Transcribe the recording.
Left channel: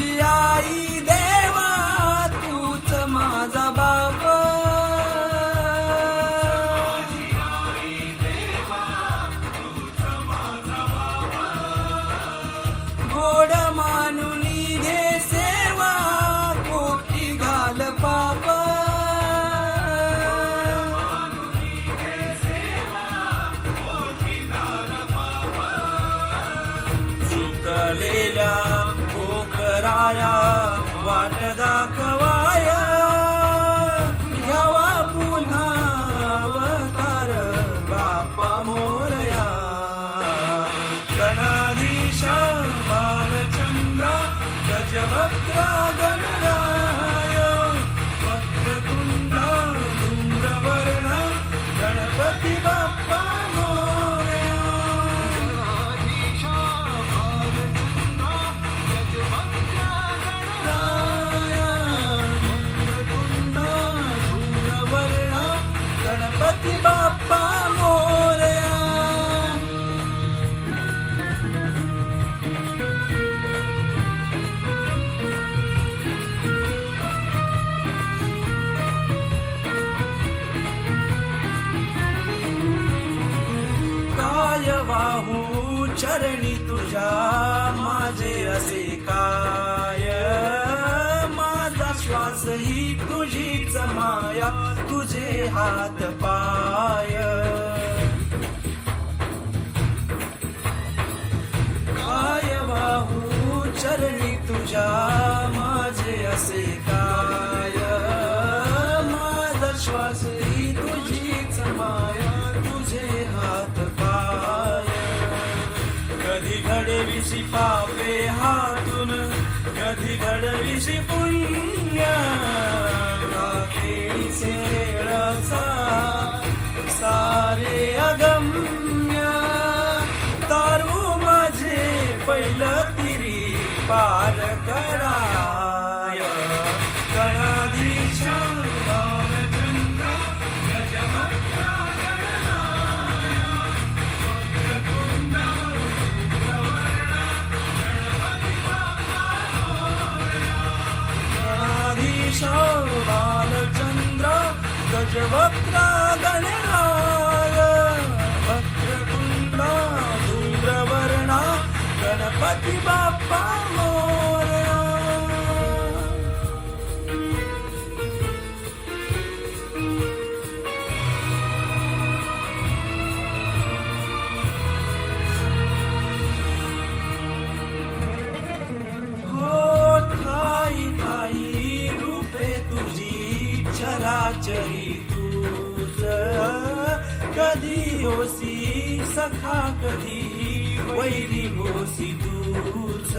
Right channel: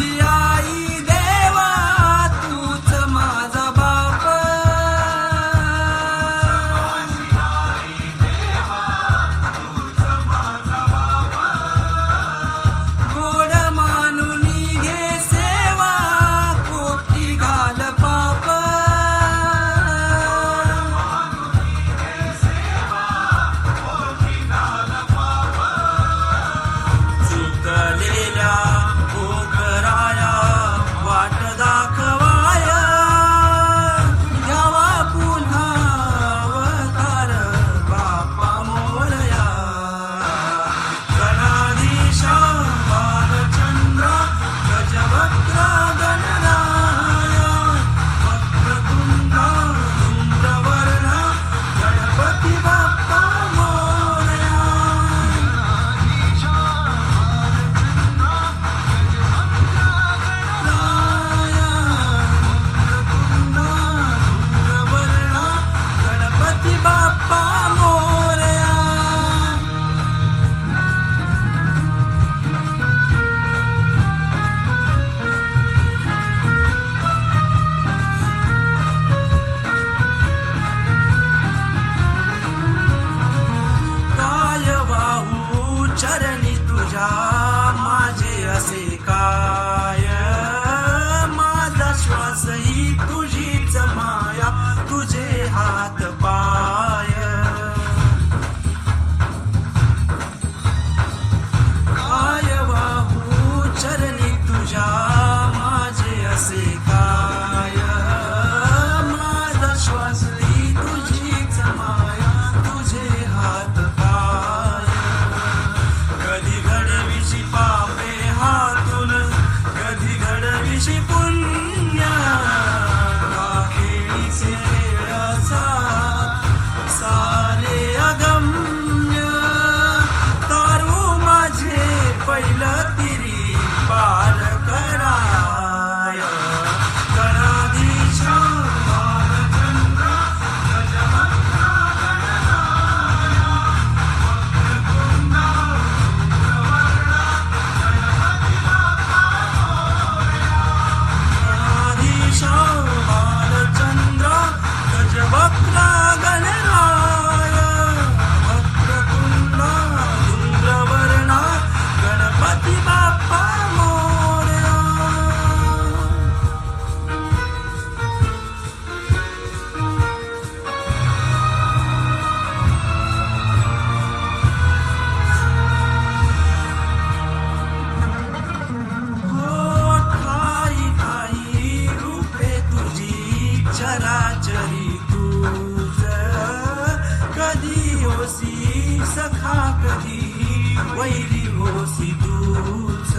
see घडविशी पापे हातून कधी घडविशी पुण्या Cevapla galer होसी सखा कधी वैरी होसी दूच